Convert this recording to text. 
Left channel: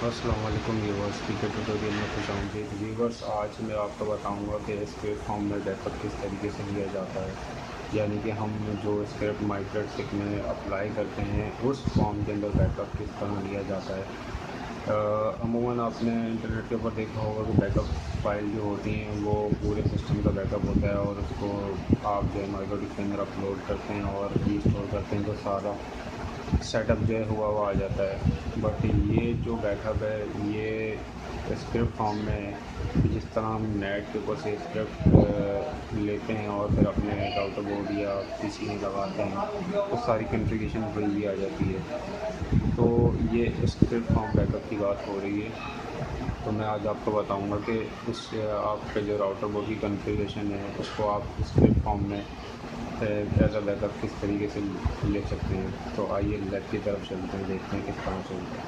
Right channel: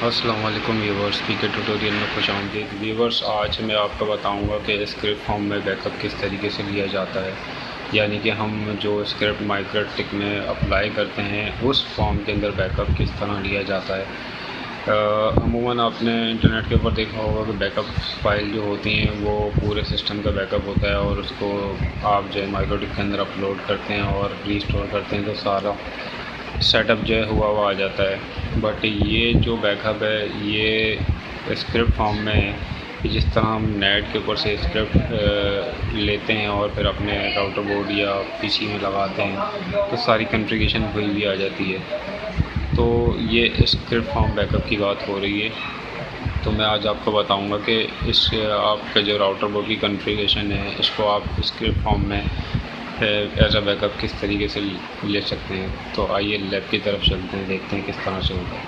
अस्सलाम वालेकुम व्यूवर्स, पीके ट्यूटोरियल में खुश आमदीद। व्यूवर्स, आज मैं आपको बताऊंगा कि स्क्रिप्ट फॉर्म में बैकअप किस तरीके से लिया जाता है। यानी कि हम जो स्क्रिप्ट माइक्रोटिक में अप्लाई करते हैं उस फॉर्म के अंदर बैकअप किस तरह लिया जाता है। अमूमन आपने इंटरनेट के ऊपर देखा होगा कि बैकअप फाइल जो होती हैं वो पूरे सिस्टम का बैकअप होता है और उसको आप जो है माइक्रोटिक के अंदर अपलोड करते हैं और रीस्टोर करते हैं तो सारा सेटअप जो है हुआ आ जाता है। बट ये जो बैकअप है ये स्क्रिप्ट फॉर्म में है। जिस तरह हम नेट के ऊपर से स्क्रिप्ट लेते हैं और फिर अपने राउटर बोर्ड या पीसी में लगाते हैं तो सारी कॉन्फ़िगरेशन हुई भी आ जाती है। तो ये स्क्रिप्ट फॉर्म बैकअप की बात हो रही है। तो मैं आज आपको बताऊंगा कि इस आपका जो राउटर बोर्ड की कॉन्फ़िगरेशन है इसको आप स्क्रिप्ट फॉर्म में एज अ बैकअप किस तरीके से ले सकते हैं। तो आइए लैब की तरफ चलते हैं, देखते हैं किस तरह से होगा।